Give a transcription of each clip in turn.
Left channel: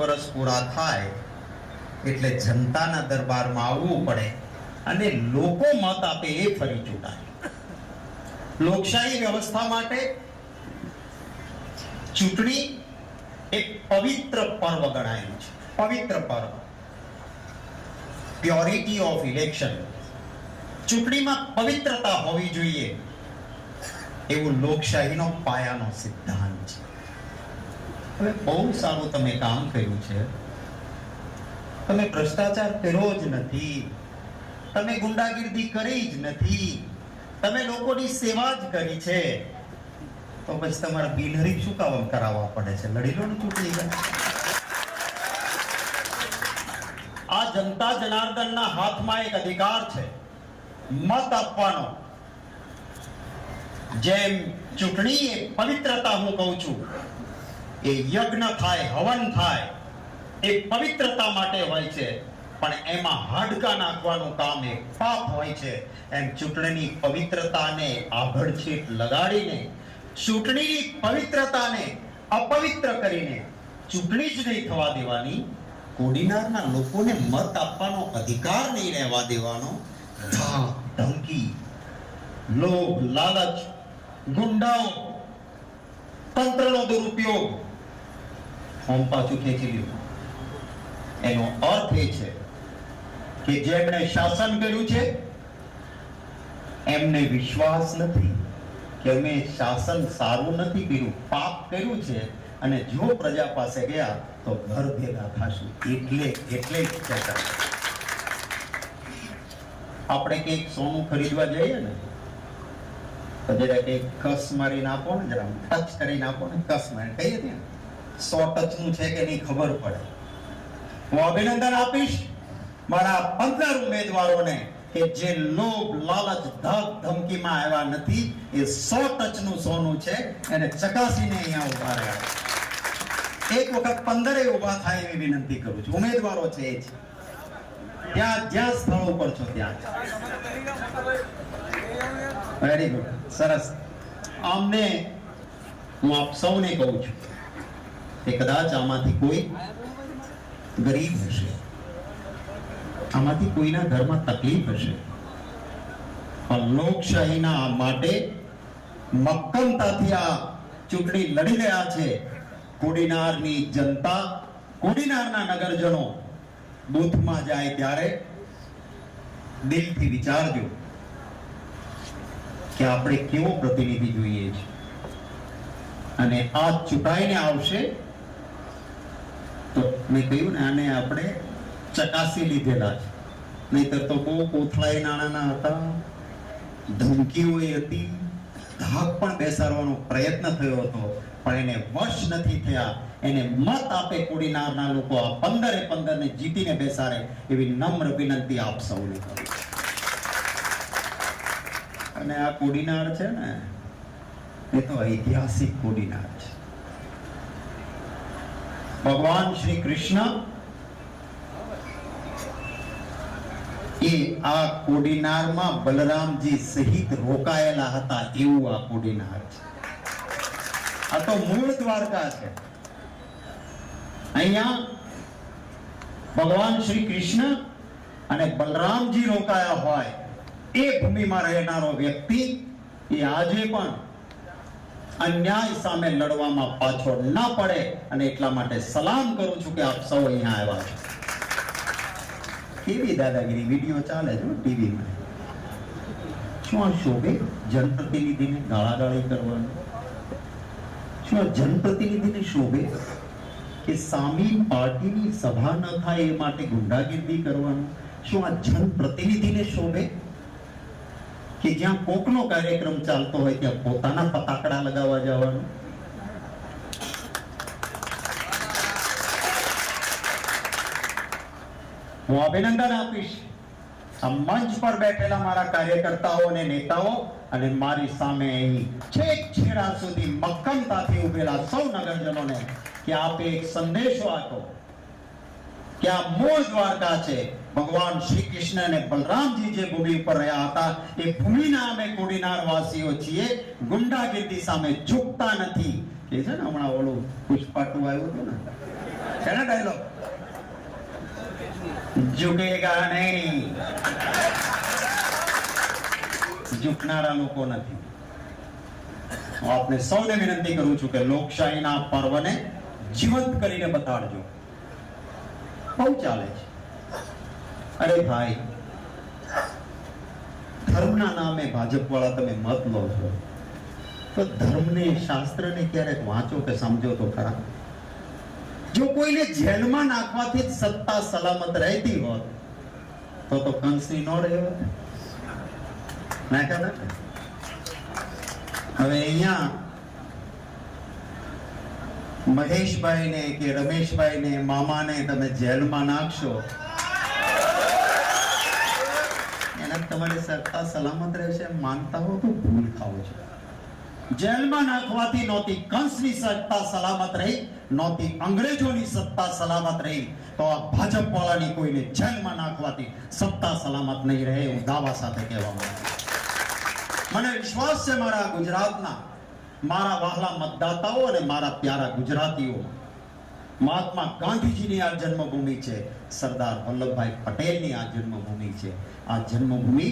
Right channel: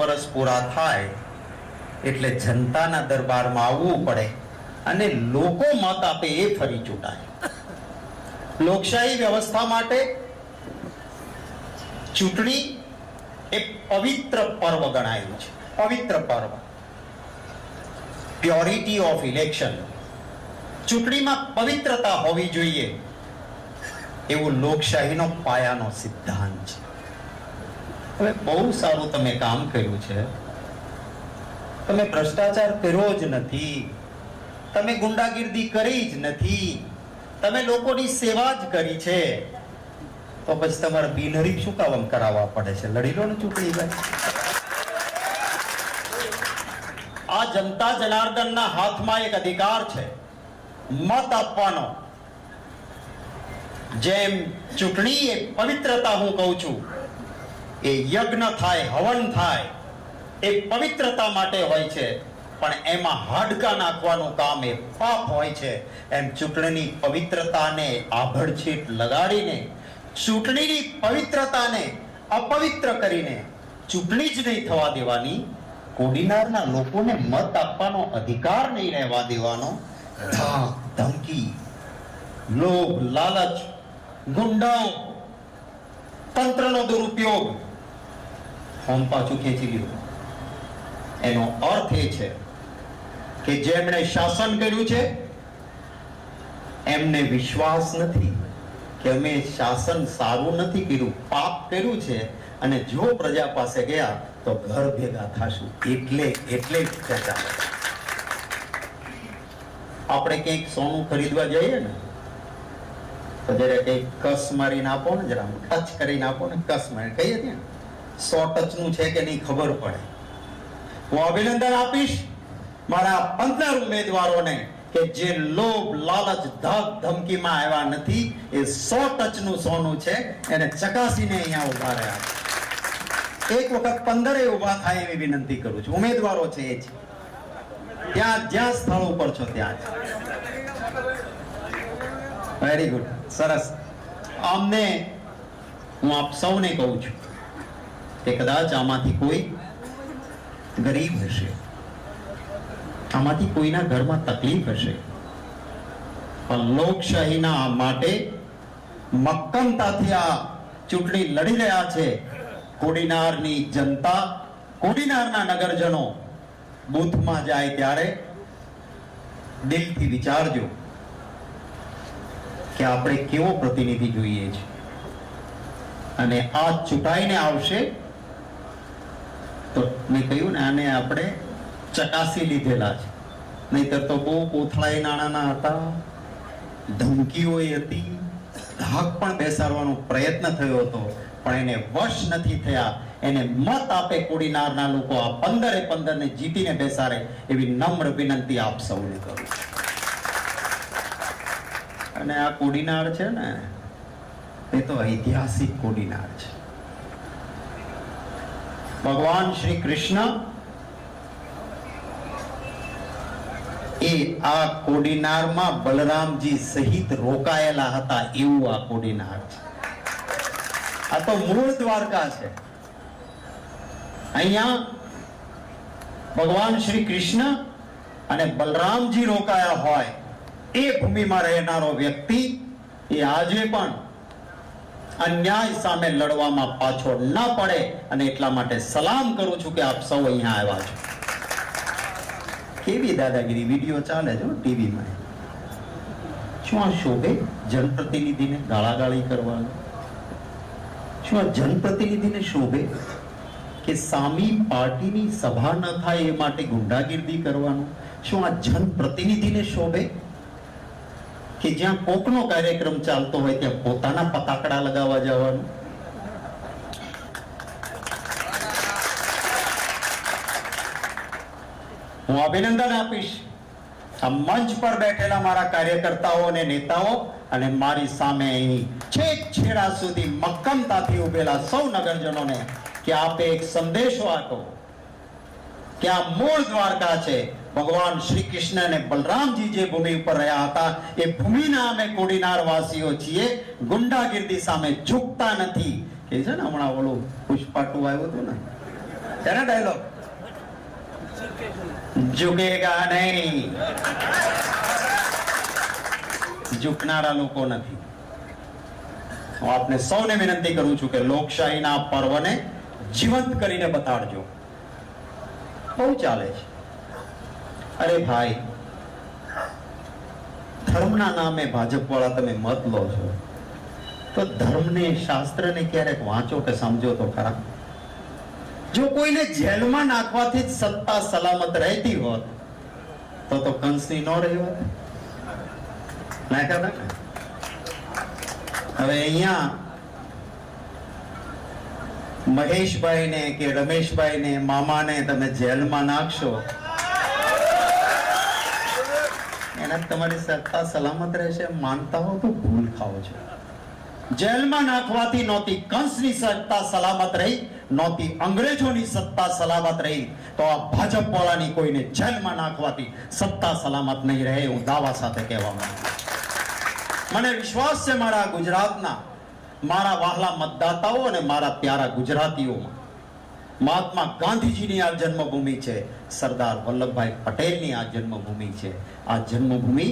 વર્ષ પૂરા થાય એટલે જનતાના દરબારમાં આવવું પડે અને લોકો મત આપે એ ફરી ચૂંટાય. લોકશાહી વ્યવસ્થા માટે ચૂંટણી એક પવિત્ર પર્વ ગણાયેલું છે. પવિત્ર પર્વ, પ્યોરિટી ઓફ ઇલેક્શન. ચૂંટણીમાં પવિત્રતા હોવી જોઈએ એવું લોકશાહીનો પાયાનો સિદ્ધાંત છે. હવે બહુ સારું તમે કામ કર્યું છે. તમે ભ્રષ્ટાચાર કર્યો જ નથી, તમે ગુંડાગીર્દી કરી જ નથી, તમે લોકોની સેવા જ કરી છે, તો પછી તમારે બિનહરીફ શું કામ કરાવવા પડે છે? લડી લો ને ચૂંટણી. આ જનતા જનાર્દનના હાથમાં એક અધિકાર છે, મત આપવાનો. જેમ ચૂંટણી એક પવિત્રતા હું કહું છું, એ યજ્ઞ થાય, હવન થાય, એ પવિત્રતા માટે હોય છે, પણ એમાં હાડકા નાખવાનું કામ એ પાપ હોય છે. એમ ચૂંટણીની પવિત્રતાને આભડછેટ લગાડીને, ચૂંટણીની પવિત્રતાને અપવિત્ર કરીને ચૂંટણી જ નહીં થવા દેવાની, કોડીનારના લોકોને મત આપવાનો અધિકાર નહીં રહેવા દેવાનો. ધમકી, લોભ, લાલચ, ગુંડાઓ, તંત્રનો દુરુપયોગ, ફોન પાછું ખેંચી લીધું. એનો અર્થ એ છે કે જેમણે શાસન કર્યું છે એમને વિશ્વાસ નથી કે અમે શાસન સારું નથી કર્યું, પાપ કર્યું છે, અને જો પ્રજા પાસે ગયા તો ઘર ભેગા થાશું. એટલે આપણે કઈક સોનું ખરીદવા જઈએ ને તો જરા કઈક કસ મારીને આપો ને, જરા ટચ કરીને આપો ને, કસ મારી કહીએ ને 100 ટચનું છે કે નહીં ખબર પડે. હું અભિનંદન આપીશ મારા 15 ઉમેદવારોને કે જે લોભ, લાલચ, ધમકીમાં આવ્યા નથી. એ 100 ટચનું સોનું છે, એને ચકાસીને અહીંયા ઉભા રહ્યા. એક વખત 15 ઉભા થાય એવી વિનંતી કરું છું. ઉમેદવારો છે એ છે, ત્યાં જ્યાં સ્થળ ઉપર છો ત્યાં. વેરી ગુડ, સરસ. આમને હું આપ સૌને કહું છું કે કદાચ આમાંથી કોઈ ગરીબ હશે, આમાંથી કોઈના ઘરમાં તકલીફ હશે, પણ લોકશાહીના માટે મક્કમતાથી આ ચૂંટણી લડી રહ્યા છે કોડીનારની જનતા. કોડીનારના નગરજનો બૂથમાં જાય ત્યારે દિલથી વિચારજો કે આપણે કેવો પ્રતિનિધિ જોઈએ છે, અને આ ચૂંટાઈને આવશે તો મેં કહ્યું ને આને આપણે ચકાસી લીધેલા છે. નહીતર તો બહુ કોથળાઈ નાણાના હતા, ધમકીઓ હતી, ધાક પણ બેસાડવાનો પ્રયત્ન થયો હતો, પણ એને વશ નથી થયા. એને મત આપે કોડીનારના લોકો, આ 15 ને જીતીને બેસાડે એવી નમ્ર વિનંતી આપ સૌને કરું. અને આ કોડીનાર છે ને એ તો ઐતિહાસિક કોડીનાર છે. ભગવાન શ્રી કૃષ્ણ એ આ કોડીનારમાં બલરામજી સહિત રોકાયેલા હતા, એવું આ કોડીનાર છે. આ તો મૂળ દ્વારકા છે. અહીંયા ભગવાન શ્રી કૃષ્ણ અને બલરામજી રોકાયા હોય એ ભૂમિમાં રહેનારો વ્યક્તિ એ આજે પણ અન્યાય સામે લડવામાં પાછો ન પડે, અને એટલા માટે સલામ કરું છું કે આપ સૌ અહીંયા આવ્યા છો. કેવી દાદાગીરી વિડીયો ચાલે છે ટીવીમાં. શું આ શોભે જનપ્રતિનિધિને ગાળાગાળી કરવાનું? શું આ જનપ્રતિનિધિને શોભે કે સામી પાર્ટીની સભા ન થાય એ માટે ગુંડાગીર્દી કરવાનું? શું આ જનપ્રતિનિધિને શોભે કે જ્યાં કોકનો કાર્યક્રમ ચાલતો હોય ત્યાં પોતાના ફટાકડા લગાવવા જવાનું? હું અભિનંદન આપીશ આ મંચ પર બેઠેલા મારા કાર્યકર્તાઓ અને નેતાઓ, અને મારી સામે અહીં છેક છેડા સુધી મક્કમતાથી ઉભેલા સૌ નગરજનોને કે આપે એક સંદેશો આપો કે આ મૂળ દ્વારકા છે. ભગવાન શ્રી કૃષ્ણ અને બલરામજી જે ભૂમિ પર રહ્યા હતા એ ભૂમિના અમે કોડીનાર વાસીઓ છીએ. ગુંડાગીર્દી સામે ઝૂકતા નથી. કે છે ને હમણાં ઓલું પુષ્પા 2 આવ્યું હતું ને, તેના ડાયલોગ ઝુકેગા નહીં, ઝૂકનારા લોકો નથી. હું આપને સૌને વિનંતી કરું છું કે લોકશાહીના પર્વને જીવંત કરીને બતાડજો. બહુ ચાલે છે. અરે ભાઈ, ધર્મના નામે ભાજપ વાળા તમે મત લો છો, તો ધર્મને શાસ્ત્રને ક્યારેક વાંચો કે સમજો તો ખરા. જો કોઈને જેલમાં નાખવાથી જ સત્તા સલામત રહેતી હોત તો કંસની નો રહ્યો નાખ્યા. હવે અહીંયા મહેશભાઈને કે રમેશભાઈને મામાને તમે જેલમાં નાખશો, એના તમારી સત્તા સલામત રહેશે માનતા હો તો ભૂલ ખાઓ છો. જેલમાં નાખવાથી નહોતી કંસની સત્તા સલામત રહી, નહોતી અંગ્રેજોની સત્તા સલામત રહી, તો આ ભાજપ વાળાની કોઈને જેલમાં નાખવાથી સત્તા સલામત નહીં રહે. હું દાવા સાથે કહેવા માંગુ છું. મને વિશ્વાસ છે મારા ગુજરાતના મારા વહાલા મતદાતાઓ અને મારા પ્યારા ગુજરાતીઓ, મહાત્મા ગાંધીજીની આ જન્મભૂમિ છે, સરદાર વલ્લભભાઈ પટેલની આ જન્મભૂમિ છે. આ જન્મભૂમિ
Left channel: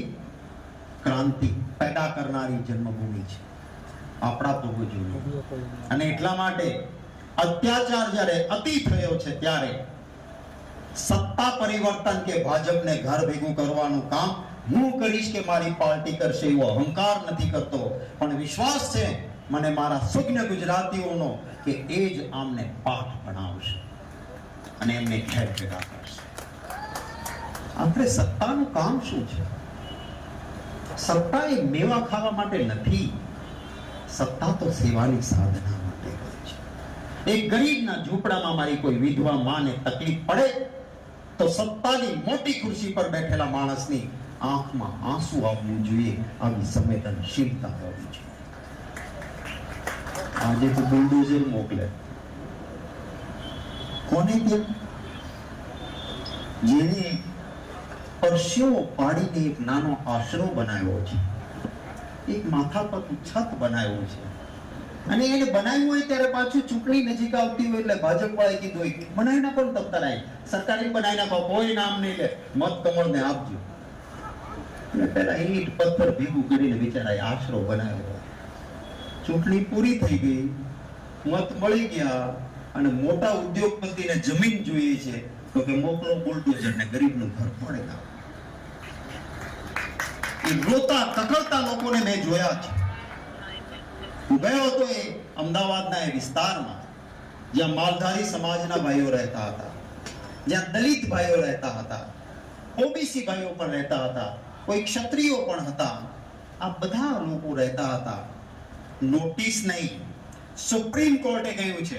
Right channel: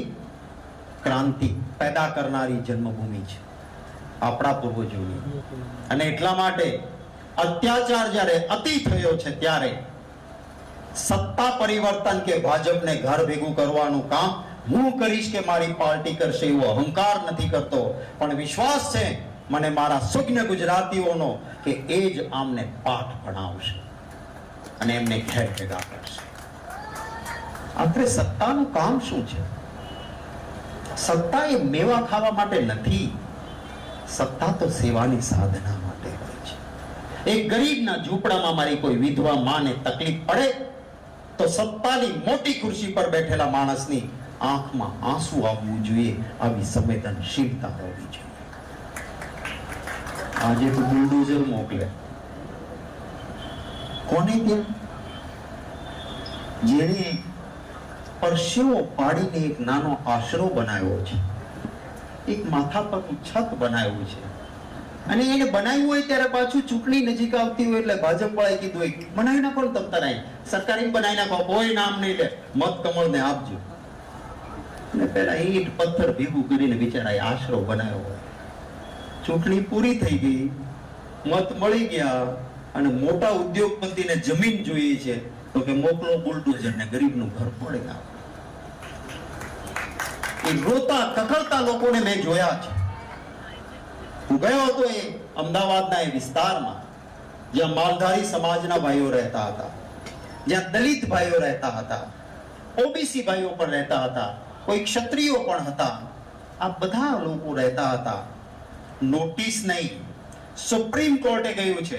ક્રાંતિ પેદા કરનારી જન્મભૂમિ છે આપણા પૂર્વજોની. અને એટલા માટે અત્યાચાર જ્યારે અતિ થયો છે ત્યારે સત્તા પરિવર્તન કે ભાજપને ઘર ભેગું કરવાનું કામ હું કરીશ કે મારી પાર્ટી કરશે એવો અહંકાર નથી કરતો, પણ વિશ્વાસ છે મને મારા સુજ્ઞ ગુજરાતીઓનો કે એ જ આમને પાઠ ભણાવશે અને એમને ઘેર ભેગા કરશે. આપણે સત્તાનું કામ શું છે? સત્તા એ મેવા ખાવા માટે નથી, સત્તા તો સેવાની સાધના માટે છે. એક ગરીબના ઝૂંપડામાં મારી કોઈ વિધવા માને તકલીફ પડે તો સત્તાની મોટી ખુરશી પર બેઠેલા માણસની આંખમાં આંસુ આવવું જોઈએ, આવી સંવેદનશીલતા હોવી જોઈએ. આજે તો બુલડોઝર મોકલે કોને ત્યાં? જેને પરસેવો પાડીને એક નાનો આશરો બનાવ્યો છે, એક માથા પરથી છત બનાવ્યું છે, અને એને બનાવ્યું હોય ત્યારે પાછું ચૂંટણી નજીક આવતી હોય એટલે ભાજપ વાળાએ કીધું હોય બનાવી નાખો ને તમ તારે સરકારી બનાવી નાખો, કોઈ નામ નહીં લે, મત કમળને આપજો. પેલા ઈંટ પથ્થર ભેગું કરીને બિચારા આશરો બનાવ્યો. ચૂંટણી પૂરી થઈ ગઈ, મત મળી ગયા અને મોટા ઉદ્યોગપતિને જમીન જોઈએ છે તો કે મોકલો બુલડોઝર ને ગરીબનું ઘર ફોડી નાખો. એ રોતા કકળતા લોકોને મેં જોયા છે. હું ગયો હતો એ અમદાવાદના એ વિસ્તારમાં જ્યાં માલધારી સમાજના ભાઈઓ રહેતા હતા, જ્યાં દલિત ભાઈઓ રહેતા હતા, ઓબીસી ભાઈઓ પણ રહેતા હતા, કોઈ ક્ષત્રિયો પણ હતા. આ બધા લોકો રહેતા હતા. નોટિસ નહીં, સુપ્રીમ કોર્ટે કહ્યું છે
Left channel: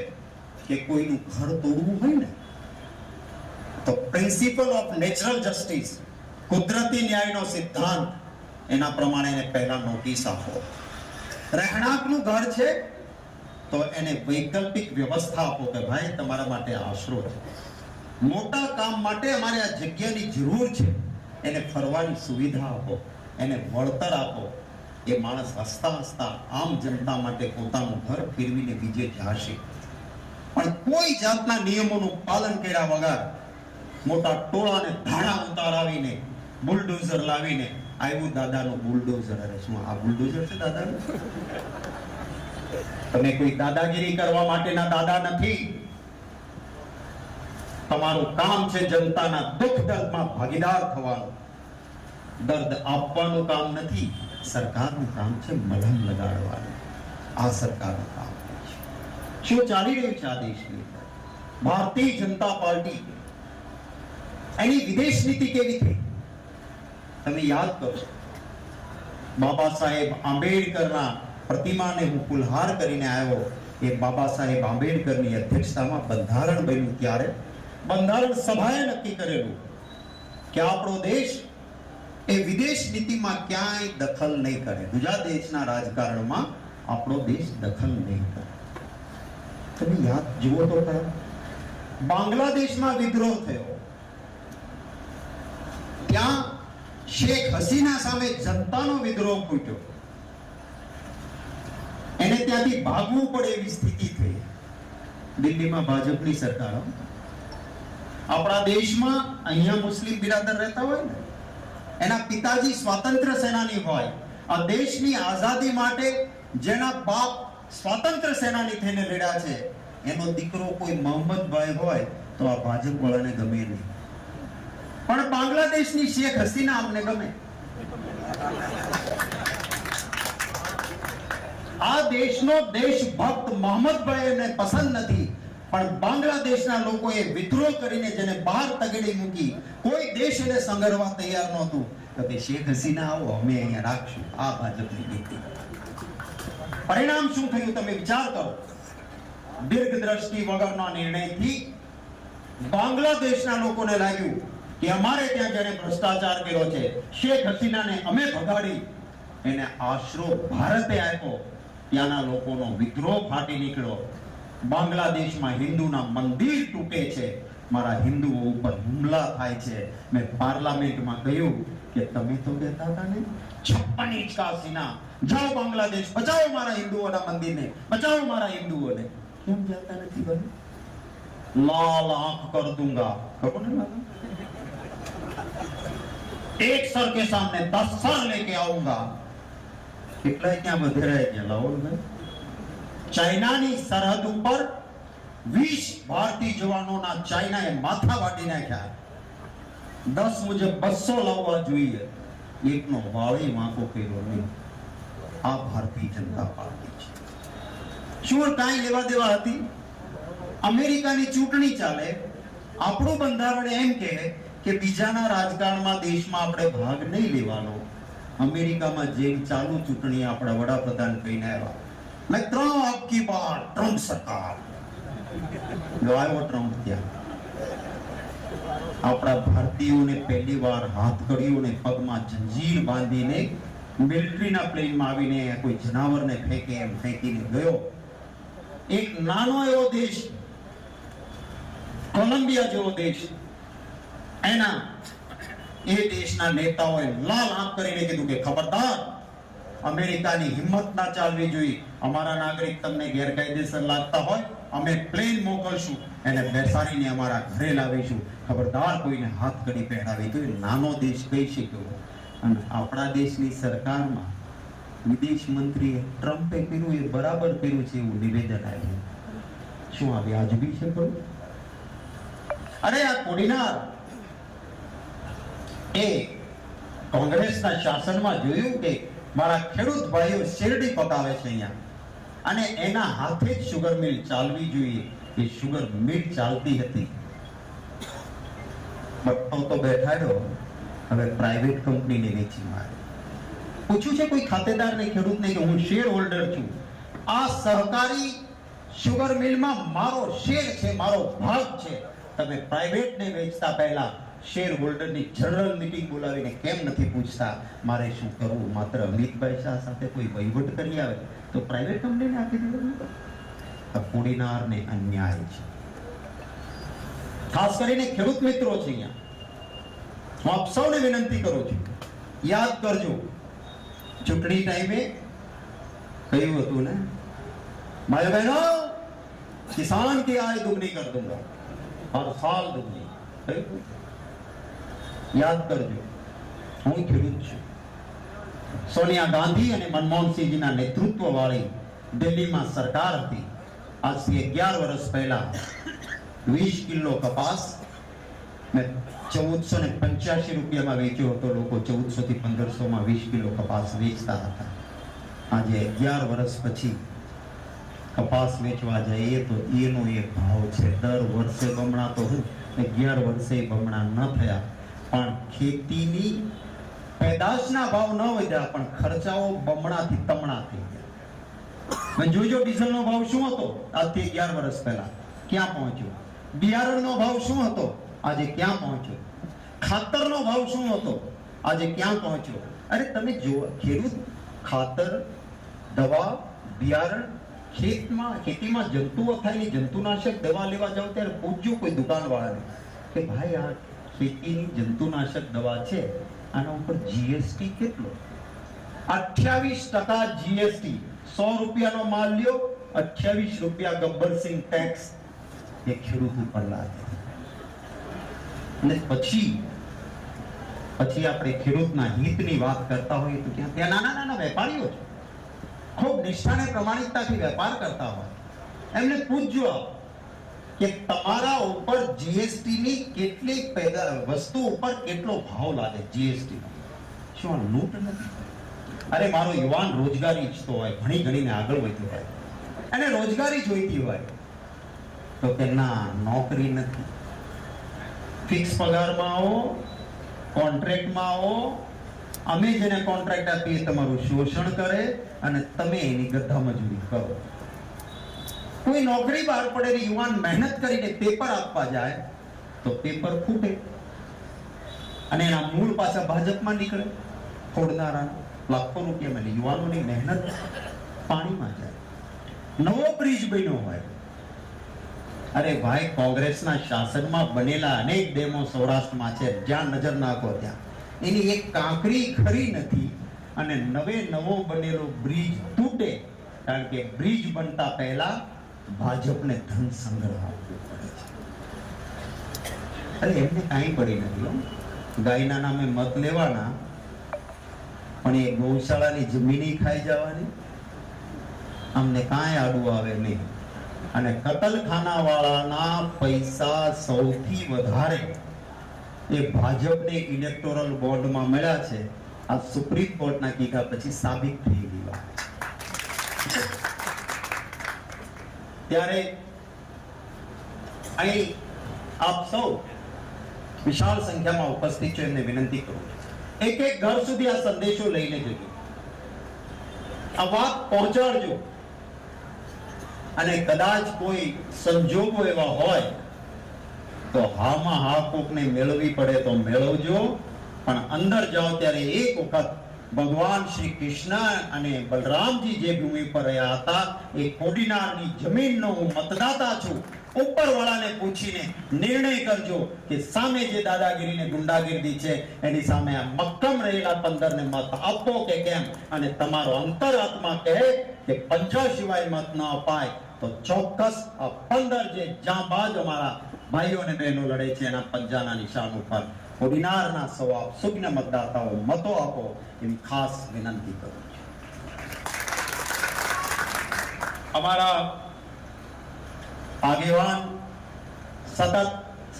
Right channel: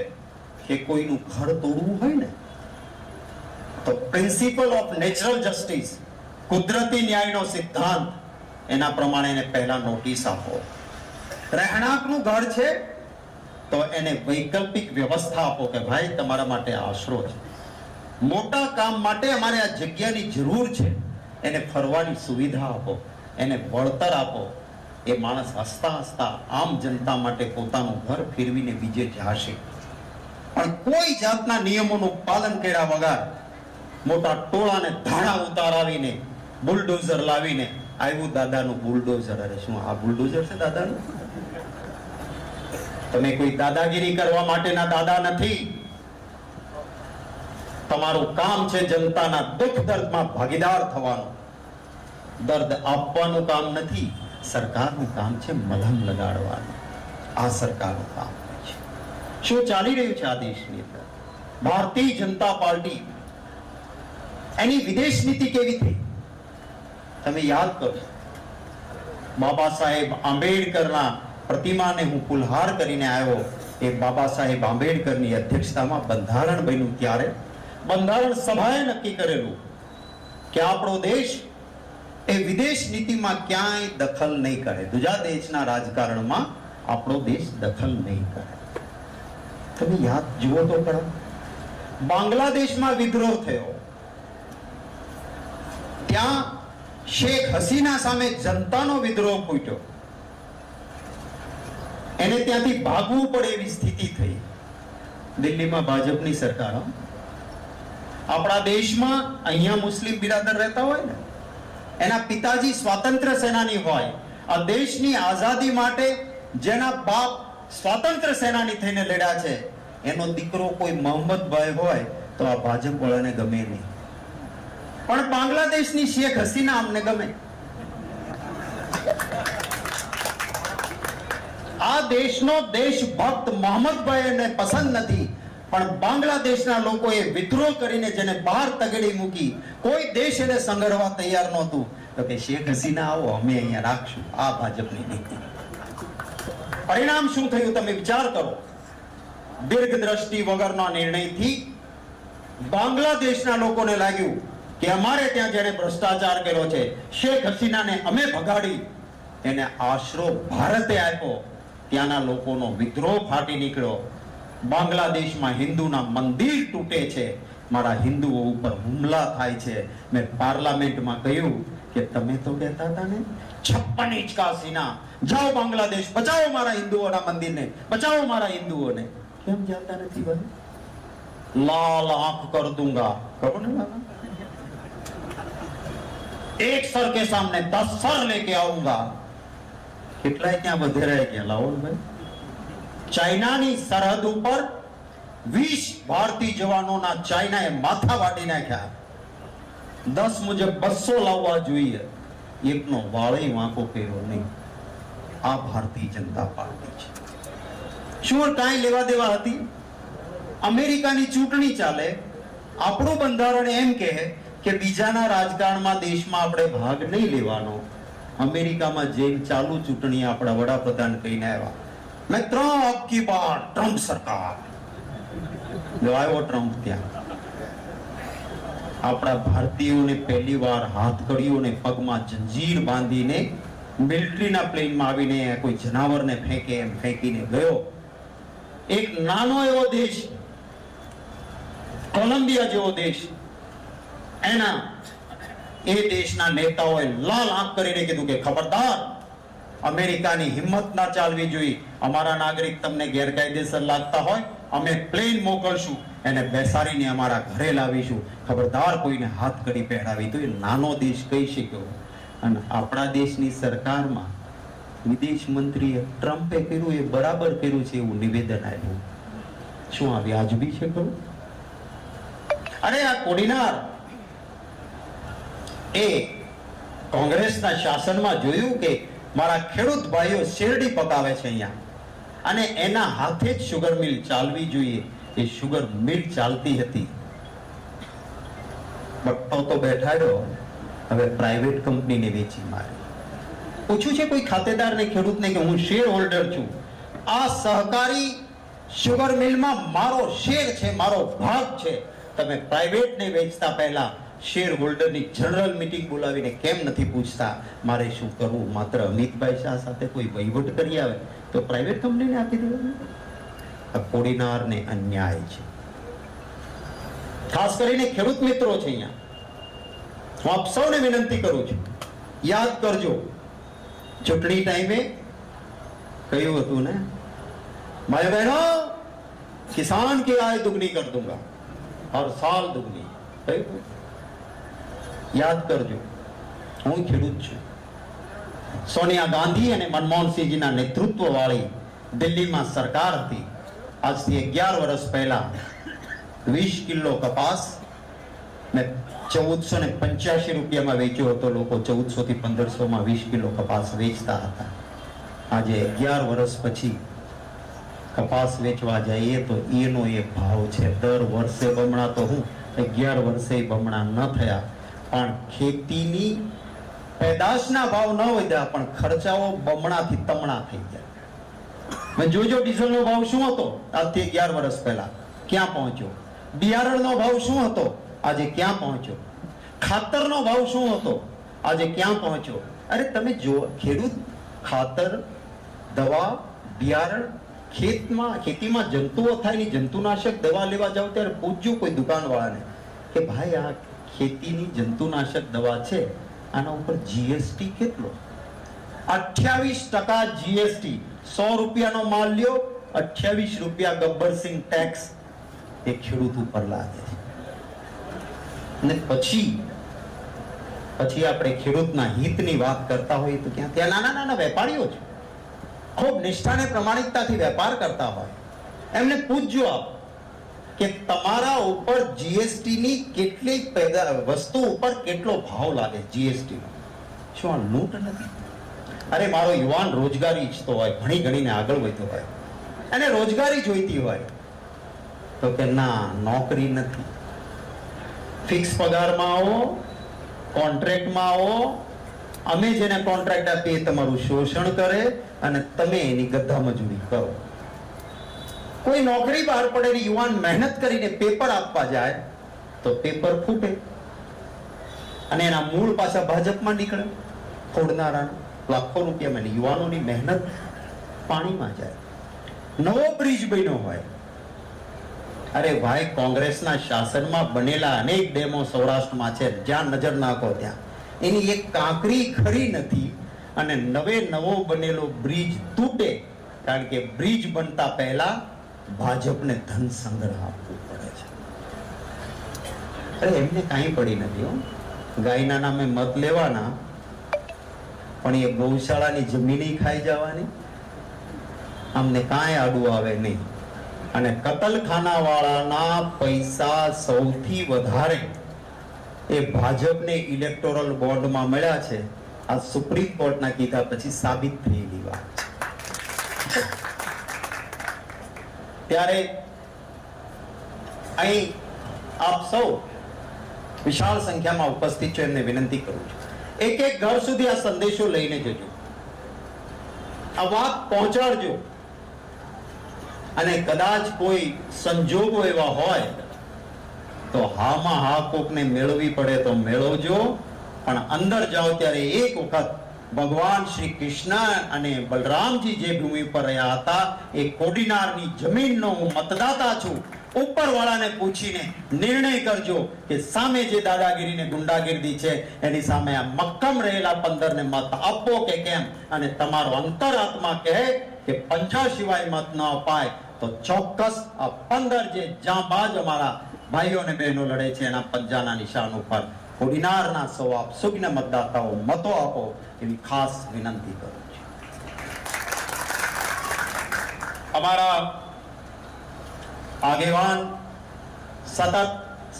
કે કોઈનું ઘર તોડવું હોય ને તો પ્રિન્સિપલ ઓફ નેચરલ જસ્ટિસ, કુદરતી ન્યાયનો સિદ્ધાંત, એના પ્રમાણે એને પહેલા નોટિસ આપો. રહેણાંકનું ઘર છે તો એને વૈકલ્પિક વ્યવસ્થા આપો કે ભાઈ તમારા માટે આશરો છે. મોટા કામ માટે અમારે આ જગ્યાની જરૂર છે, એને ફરવાની સુવિધા આપો, એને વળતર આપો. એ માણસ હસતા હસતા આમ જનતા માટે પોતાનું ઘર ફેરવીને બીજે જશે. પણ કોઈ જાતના નિયમોનું પાલન કર્યા વગર મોટા ટોળાને ધાડા ઉતારાવીને બુલડોઝર લાવીને આવ્યું દાદાનું બુલડોઝર. અરે શું આ બુલડોઝર છે દાદાનું? તમે કોઈ દાદાગીરી કરવા માટેના દાદા નથી. તમારું કામ છે જનતાના દુઃખ દર્દમાં ભાગીદાર થવાનું. દર્દ આપવાનું કામ નથી, સરકારનું કામ છે મલમ લગાડવાનું. આ સરકારનું કામ છે. શું ચાલી રહ્યું છે આ દેશની અંદર? ભારતીય જનતા પાર્ટી એની વિદેશ નીતિ કેવી થઈ તમે યાદ કરો. બાબા સાહેબ આંબેડકરના પ્રતિમાને હું ફુલહાર કરીને આવ્યો. એ બાબા સાહેબ આંબેડકરની અધ્યક્ષતામાં બંધારણ બન્યું ત્યારે બંધારણ સભાએ નક્કી કરેલું કે આપણો દેશ એ વિદેશ નીતિમાં ક્યાંય દખલ નહીં કરે. બીજા દેશના રાજકારણમાં આપણો દેશ દખલ નહીં કરે. તમે યાદ જુઓ તો ખરા, બાંગ્લાદેશમાં વિદ્રોહ થયો, ત્યાં શેખ હસીના સામે જનતાનો વિદ્રોહ ફૂટ્યો, એને ત્યાંથી ભાગવું પડે એવી સ્થિતિ થઈ. દિલ્હીમાં ભાજપની સરકાર, આપણા દેશમાં અહીંયા મુસ્લિમ બિરાદર રહેતા હોય ને, એના પિતાજી સ્વાતંત્ર્ય સેનાની હોય, આ દેશની આઝાદી માટે જેના બાપ સ્વાતંત્ર્ય સેનાની થઈને લડ્યા છે, એનો દીકરો કોઈ મોહમ્મદભાઈ હોય તો આ ભાજપ વાળાને ગમે નહીં, પણ બાંગ્લાદેશની શેખ હસીના અમને ગમે. આ દેશનો દેશભક્ત મોહમ્મદભાઈને પસંદ નથી, પણ બાંગ્લાદેશના લોકોએ વિદ્રોહ કરીને જેને બહાર તગડી મૂકી, કોઈ દેશ એને સંગરવા તૈયાર નહોતું, તો કે શેખ હસીના આવો, અમે અહીંયા રાખશું. આ ભાજપની નીતિ. પરિણામ શું થયું તમે વિચાર કરો. દીર્ઘ દ્રષ્ટિ વગરના નિર્ણયથી બાંગ્લાદેશના લોકોને લાગ્યું કે અમારે ત્યાં જેને ભ્રષ્ટાચાર કર્યો છે, શેખ હસીનાને અમે ભગાડી, એને આશરો ભારતે આપ્યો. ત્યાંના લોકોનો વિદ્રોહ ફાટી નીકળ્યો. બાંગ્લાદેશમાં હિન્દુના મંદિર તૂટે છે, મારા હિન્દુઓ ઉપર હુમલા થાય છે. મેં પાર્લામેન્ટમાં કહ્યું કે તમે તો કહેતા હતા ને 56 ઇંચ કા સીના, જાઓ બાંગ્લાદેશ, બચાવો મારા હિન્દુઓના મંદિરને, બચાવો મારા હિન્દુઓને. કેમ જાતા નથી ભાઈ? લાલ આંખ કર દૂંગા, ખબર ને? એક સર કે સામને 10 સર લેકે આऊंगा. કેટલાય ત્યાં વધેરાય ગયા. લાવો ભાઈ, ચાઇનાની સરહદ ઉપર 20 ભારતીય જવાનોના ચાઇનાએ માથા વાટી નાખ્યા. 10 મુજબ 200 લાવવા જોઈએ, એકનો વાળે વાંકો કર્યો નહીં. આ ભારતીય જનતા પાર્ટી છે. શું કાંઈ લેવા દેવા હતી? અમેરિકાની ચૂંટણી ચાલે, આપણું બંધારણ એમ કહે કે બીજાના રાજકારણમાં દેશમાં આપણે ભાગ નહીં લેવાનો. અમેરિકામાં જેલ ચાલુ, ચૂંટણી આપણા વડાપ્રધાન કહીને આવ્યા, મેં 3 આપકી બાર ટ્રમ્પ સરકાર. જો આવ્યો ટ્રમ્પ ત્યાં, આપણા ભારતીયોને પહેલી વાર હાથકડીઓને પગમાં જંજીર બાંધીને મિલિટરીના પ્લેનમાં આવીને કોઈ જનાવરને ફેંકે એમ ફેંકીને ગયો. એક નાનો એવો દેશ, કોલંબિયા જેવો દેશ, એના એ દેશના નેતાઓએ લાલ આંખ કરીને કીધું કે ખબરદાર, અમેરિકાની હિંમત ના ચાલવી જોઈએ. અમારા નાગરિક તમને ગેરકાયદેસર લાગતા હોય, અમે પ્લેન મોકલશું, એને બેસાડીને અમારા ઘરે લાવીશું. ખબરદાર કોઈને હાથ કરી પહેરાવી. તો એ નાનો દેશ કહી શક્યો. અને આપણા દેશની સરકારમાં વિદેશ મંત્રીએ ટ્રમ્પે કર્યું એ બરાબર કર્યું છે એવું નિવેદન આવ્યું. શું આ વ્યાજબી છે? કહું, અરે આ કોડીનાર એ કોંગ્રેસના શાસનમાં જોયું કે મારા ખેડૂત ભાઈઓ શેરડી પકાવે છે અહીંયા, અને એના હાથે જ શુગર મિલ ચાલવી જોઈએ. એ શુગર મિલ ચાલતી હતી. બપ્પો તો બેઠાડ્યો, હવે પ્રાઇવેટ કંપનીને વેચી માર્યો. પૂછ્યું છે કોઈ ખાતેદારને, ખેડૂતને કે હું શેર હોલ્ડર છું, આ સહકારી શુગર મિલમાં મારો શેર છે, મારો ભાગ છે, તમે પ્રાઇવેટને વેચતા પહેલા શેર હોલ્ડરની જનરલ મીટિંગ બોલાવીને કેમ નથી પૂછતા મારે શું કરવું? માત્ર અમિતભાઈ શાહ સાથે કોઈ વહીવટ કરી આવે તો પ્રાઇવેટ કંપનીને આપી દેવાનું. આ કોડીનારને અન્યાય છે. ખાસ કરીને ખેડૂત મિત્રો છે અહીંયા, હું આપ સૌને વિનંતી કરું છું, યાદ કરજો, ચૂંટણી ટાઈમે કહ્યું હતું ને, ભાઈ બહેનો, કિસાન की आय दुगनी कर दूंगा, हर साल दुगनी. યાદ કરજો, હું ખેડૂત છું. સોનિયા ગાંધી અને મનમોહનસિંહજીના નેતૃત્વ વાળી દિલ્હીમાં સરકાર હતી. આજથી 11 વર્ષ પહેલા 20 કિલો કપાસ મેં 1485 રૂપિયામાં વેચ્યો હતો. લોકો 1400 થી 1500 માં 20 કિલો કપાસ વેચતા હતા. આજે 11 વર્ષ પછી કપાસ વેચવા જઈએ તો એનો એક ભાવ છે. દર વર્ષે બમણા તો હું 11 વર્ષે બમણા ન થયા, પણ ખેતીની પેદાશના ભાવ ન વધ્યા, પણ ખર્ચાઓ બમણાથી તમણા થઈ ગયા. જોજો ડીઝલનો ભાવ શું હતો આજથી 11 વર્ષ પહેલા, ક્યાં પહોંચ્યો? બિયારણનો ભાવ શું હતો, આજે ક્યાં પહોંચ્યો? ખાતરનો ભાવ શું હતો, આજે ક્યાં પહોંચ્યો? અરે તમે જો, ખેડૂત ખાતર, દવા, બિયારણ, ખેતીમાં જંતુઓ થાય, જંતુનાશક દવા લેવા જાવ ત્યારે પૂછજો કોઈ દુકાનવાળાને કે ભાઈ આ ખેતીની જંતુનાશક દવા છે, આના ઉપર જીએસટી કેટલો? 28% જીએસટી. 100 રૂપિયાનો માલ લ્યો, 28 રૂપિયા ગબ્બરસિંહ ટેક્સ એ ખેડૂત ઉપર લાગે છે. ને પછી આપણે ખેડૂતના હિતની વાત કરતા હોઈએ તો ત્યાં નાના નાના વેપારીઓ છે, ખૂબ નિષ્ઠાને પ્રમાણિકતાથી વેપાર કરતા હોય, એમને પૂછજો આપ કે તમારા ઉપર જીએસટી ની કેટલી વસ્તુ ઉપર કેટલો ભાવ લાગે? જીએસટી શું આ લૂંટ નથી? અરે મારો યુવાન રોજગારી ઈચ્છતો હોય, ભણી ગણીને આગળ વધ્યો હોય, અને રોજગારી જોઈતી હોય તો કે ના, નોકરી નથી, ફિક્સ પગારમાં આવો, કોન્ટ્રાક્ટમાં આવો, અમે જેને કોન્ટ્રાક્ટ આપીએ તમારું શોષણ કરે અને તમે એની ગધા મજૂરી કરો. કોઈ નોકરી બહાર પડેલી યુવાન મહેનત કરીને પેપર આપવા જાય તો પેપર ફૂટે અને એના મૂળ પાછા ભાજપમાં નીકળે, તોડનારા લાખો રૂપિયા મળે, યુવાનોની મહેનત પાણીમાં જાય. નવો બ્રિજ બન્યો હોય, અરે ભાઈ કોંગ્રેસના શાસનમાં બનેલા અનેક ડેમો સૌરાષ્ટ્રમાં છે, જ્યાં નજર નાખો ત્યાં એની એક કાંકરી ખરી નથી, અને નવો બનેલો બ્રિજ તૂટે કારણ કે બ્રિજ બનતા પહેલા ભાજપને ધન સંગ્રહ પડે છે. અરે એમને કાંઈ પડી નથી, ગાયના નામે મત લેવાના, પણ એ ગૌશાળાની જમીન ખાઈ જવાની, અમને કાંઈ આડું આવે નહીં. અને કતલખાના વાળાના પૈસા સૌથી વધારે એ ભાજપને ઇલેક્ટોરલ બોન્ડમાં મળ્યા છે. આ સુપ્રીમ કોર્ટના કીધા પછી સાબિત થયેલી વાત. ત્યારે અહીં આપ સૌ વિશાળ સંખ્યામાં ઉપસ્થિત છો, એમને વિનંતી કરું છું, એક એક ઘર સુધી આ સંદેશો લઈને જજો, આ વાત પહોંચાડજો. અને કદાચ કોઈ સંજોગો એવા હોય તો હામાં હા કોકને મેળવી પડે તો મેળવજો. અને અંદર જાઓ ત્યારે એક વખત ભગવાન શ્રી કૃષ્ણ અને બલરામજી જે ભૂમિ પર રહ્યા હતા એ કોડીનારની જમીનનો હું મતદાતા છું. ઉપરવાળાને પૂછીને નિર્ણય કરજો કે સામે જે દાદાગીરી ને ગુંડાગીરી છે એની સામે આ મક્કમ રહેલા 15 ને મત આપો કે કેમ? અને તમારો અંતરાત્મા કહે કે પંજા સિવાય મત ન અપાય તો ચોક્કસ આ 15 જે જાંબાજ અમારા ભાઈઓ અને બહેનો લડે છે એના પંજાના નિશાન ઉપર કોડીનારના સૌ આપ સુજ્ઞ મતદાતાઓ મતો આપો એવી ખાસ વિનંતી કરું છું. અમારા આગેવાન સતત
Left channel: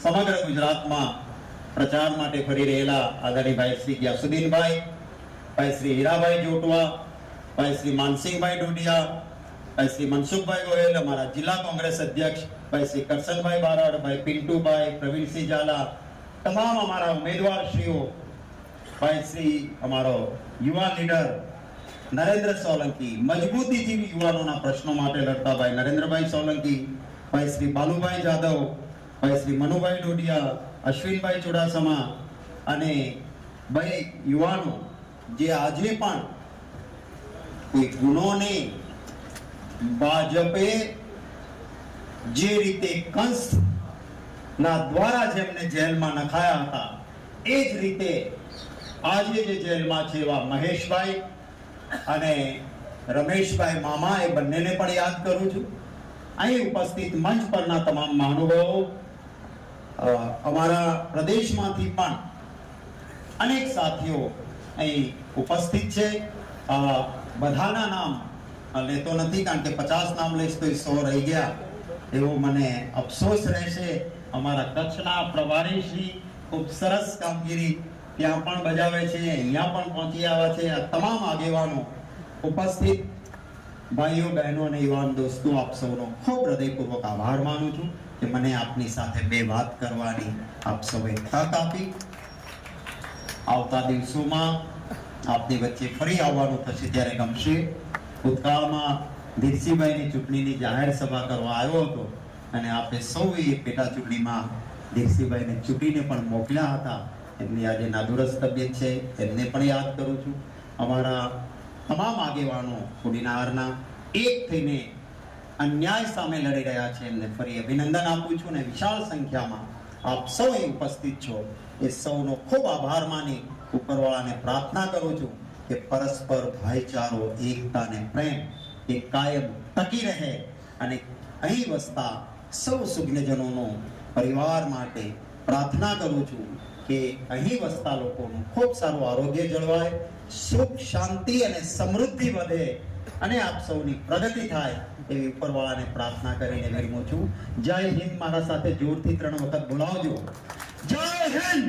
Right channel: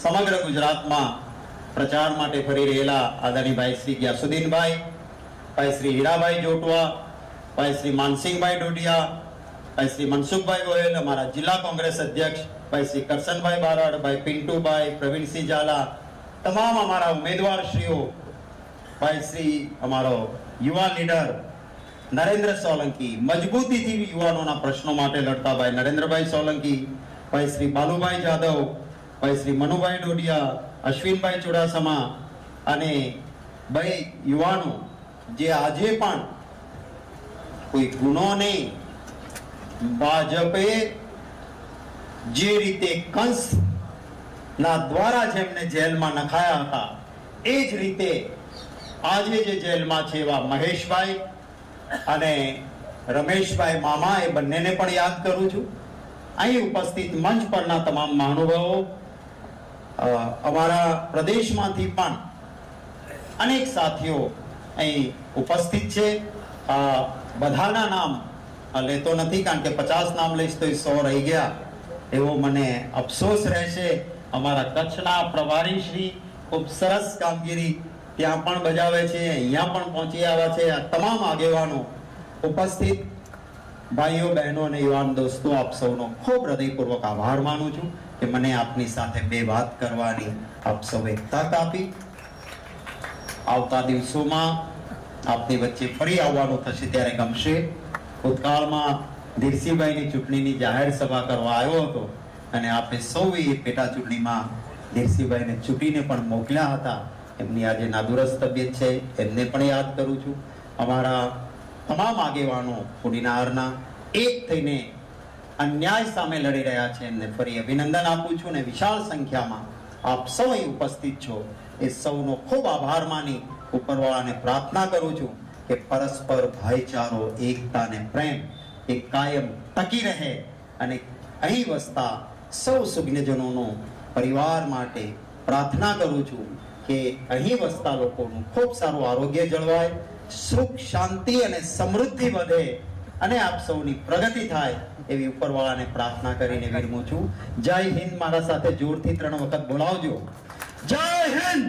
સમગ્ર ગુજરાતમાં પ્રચાર માટે ફરી રહેલા આદરણીય ભાઈ શ્રી ગ્યાસુદ્દીનભાઈ, ભાઈ શ્રી હીરાભાઈ જોટવા, ભાઈ શ્રી માનસિંહભાઈ ડોડિયા, ભાઈ શ્રી મનસુખભાઈ ગોયલ, અમારા જિલ્લા કોંગ્રેસ અધ્યક્ષ ભાઈ શ્રી કરશનભાઈ બારાડ, ભાઈ પિન્ટુભાઈ, પ્રવીણસિંહ ઝાલા, તમામ અમારા ઉમેદવારશ્રીઓ, ભાઈ શ્રી અમારો યુવા લીડર નરેન્દ્ર સોલંકી, મજબૂતીથી યુવાનોના પ્રશ્નો માટે લડતા ભાઈ નરેન્દ્રભાઈ સોલંકી, ભાઈ શ્રી બાલુભાઈ જાદવ, ભાઈ શ્રી મનુભાઈ ડોડિયા, અશ્વિનભાઈ ચુડાસમા, અને ભાઈ યુવાનો જે આજે પણ કોઈ ગુનો નહીં, ભાજપે જે રીતે કંસ ના દ્વારા જેમને જેલમાં નખાયા હતા એ જ રીતે આજે જે જેલમાં છે એવા મહેશભાઈ અને રમેશભાઈ મામા, એ બંનેને પણ યાદ કરું છું. અહીં ઉપસ્થિત મંચ પરના તમામ મહાનુભાવો, અમારા પ્રદેશમાંથી પણ અનેક સાથીઓ અહીં ઉપસ્થિત છે. બધાના નામ લેતો નથી કારણ કે 50 નામ લઈશ તો 100 રહી ગયા એવો મને અફસોસ રહેશે. અમારા કચ્છના પ્રભારી શ્રી ખૂબ સરસ કામગીરી ત્યાં પણ બજાવે છે, અહીંયા પણ પહોંચી આવ્યા છે. આ તમામ આગેવાનો ઉપસ્થિત ભાઈઓ બહેનો અને યુવાન દોસ્તો, આપ સૌનો ખૂબ હૃદયપૂર્વક આભાર માનું છું કે મને આપની સાથે બે વાત કરવાની આપ સૌએ તક આપી. આવતા દિવસોમાં આપની વચ્ચે ફરી આવવાનું થશે ત્યારે ગમશે. ભૂતકાળમાં ધીરસીભાઈની ચૂંટણીની જાહેર સભા કરવા આવ્યો હતો અને આપણે સૌએ પેટા ચૂંટણીમાં ધીરસીભાઈને ચૂંટીને પણ મોકલ્યા હતા. એમની આજે નાદુરસ્ત તબિયત છે, એમને પણ યાદ કરું છું. અમારા તમામ આગેવાનો કોડીનારના એક થઈને અન્યાય સામે લડી રહ્યા છે, એમને ફરી અભિનંદન આપું છું. અને વિશાળ સંખ્યામાં આપ સૌ ઉપસ્થિત છો એ સૌનો ખૂબ આભાર માની ઉપરવાળાને પ્રાર્થના કરું છું કે પરસ્પર ભાઈચારો, એકતા અને પ્રેમ એ કાયમ ટકી રહે અને અહીં વસતા સૌ સુજ્ઞજનોનો પરિવાર માટે પ્રાર્થના કરું છું કે અહીં વસતા લોકોનું ખૂબ સારું આરોગ્ય જળવાય, સુખ શાંતિ અને સમૃદ્ધિ વધે અને આપ સૌની પ્રગતિ થાય એવી ઉપરવાળાને પ્રાર્થના કરીને વિરમું છું. જય હિન્દ. મારા સાથે જોરથી 3 વખત બોલાવજો. જય હિન્દ.